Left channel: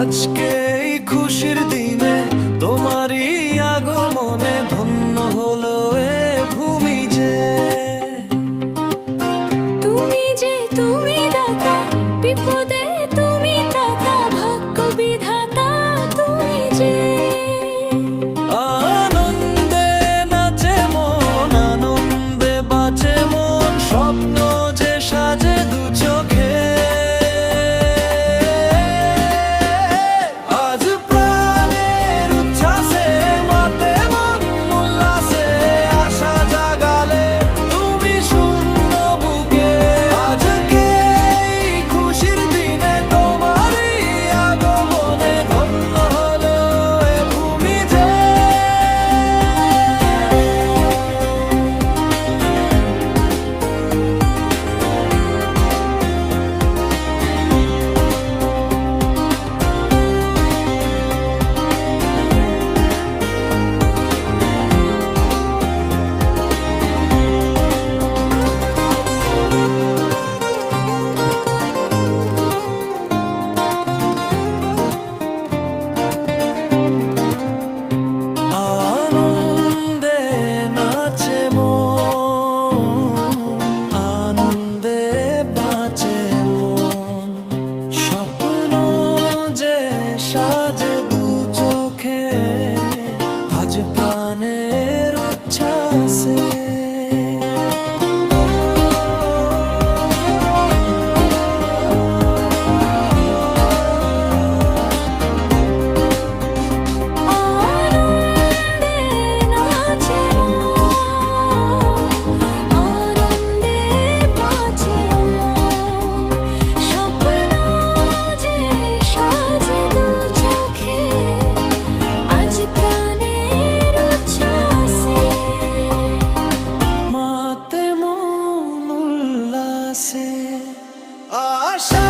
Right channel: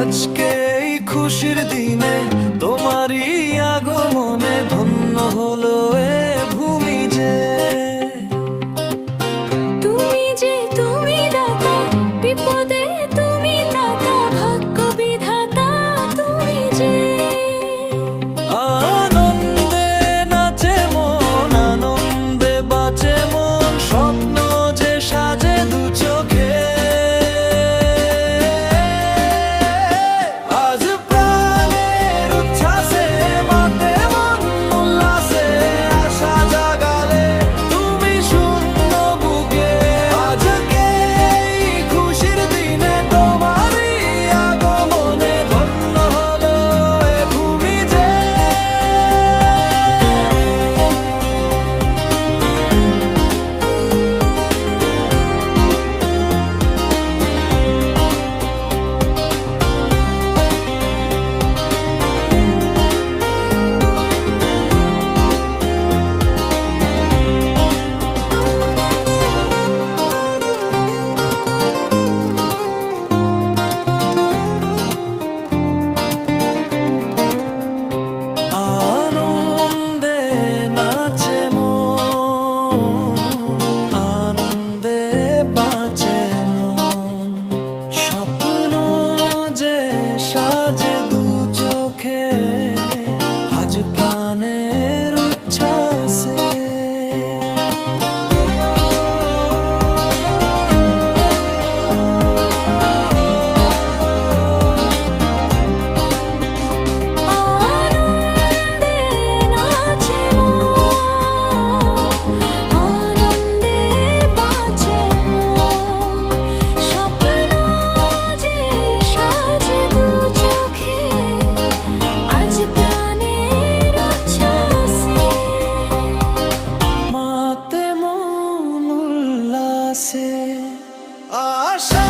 আজকে এই খুশির দিনে তোমারই আগমনে ধন্য হলো এ ভূমি যে। তুমি দাতা, বিপদে তুমি দাতা, ভাগ্য বিধাতা তুমি যে। আনন্দে নাচে মন, আনন্দে বাঁচে মন, স্বপ্ন যে সাজে দু চোখে। আজ প্রাণের উচ্ছ্বাসে মাতে মন উল্লাসে, আশা জাগালে তুমি শূন্য বুকে। আজকে এই খুশির দিনে তোমারই আগমনে ধন্য হলো এ ভূমি যে। আনন্দে নাচে মন, আনন্দে বাঁচে মন, স্বপ্ন যে সাজে দু চোখে। আজ প্রাণের উচ্ছ্বাসে আনন্দে নাচে মন, আনন্দে বাঁচে মন, স্বপ্ন যে সাজে দু চোখে। আজ প্রাণের উচ্ছ্বাসে মাতে মন উল্লাসে, আশা